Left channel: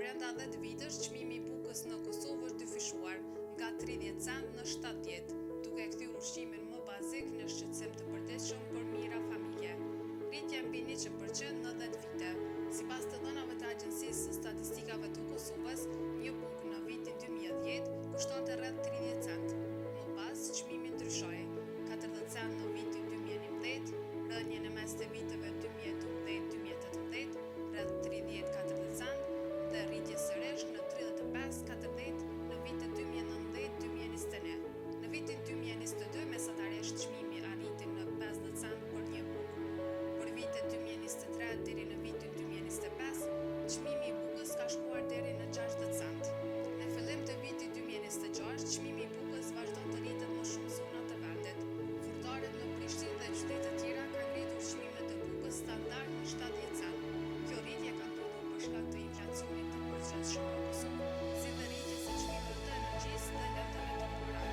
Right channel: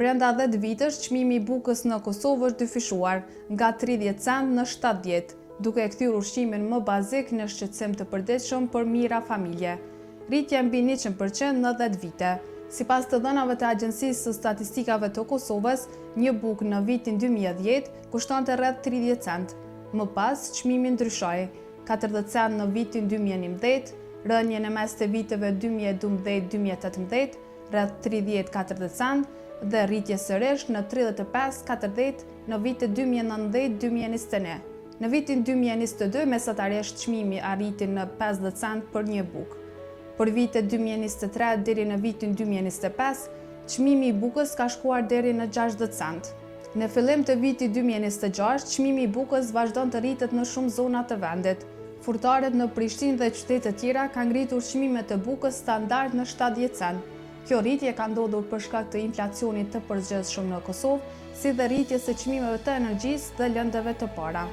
brenda 10 vitësh, çmimi i bukës në Kosovë është dyfishuar nga 30 cent në 70, duke e kthyer ushqimin më bazik në shqetësim të përditshëm për mijëra familje. Rritja mbi 100% në 10 vite. Sipas të dhënave të Agjencisë së Statistikave të Kosovës, një bukë në vitin 2010 kushtonte rreth 30 cent. Më pas, çmimi ndryshoi, 40 cent në vitin 2011, rënje në mes të viteve 2012-2018, rreth 30-40 cent dhe rritje sërish në 35-40 në vitet 2019-2021. Në vitin 2022, mesatarisht çmimi arriti në 50 cent për një bukë. Për vitet 2023 deri në vitin 2025, çmimi i bukës ka shkuar deri në 60 cent. Në fillim të vitit 2026, çmimi i bukës vazhdon të rritet në shumë zona të vendit. Furtarët në Prishtinë dhe qytete të tjera kanë ngritur çmimet e bukës standard në 70 cent. Kjo rritje ka ndodhur për shkak të inflacionit të përgjithshëm në Kosovë, si dhe rritjes së çmimeve të energjisë dhe lëndëve të para.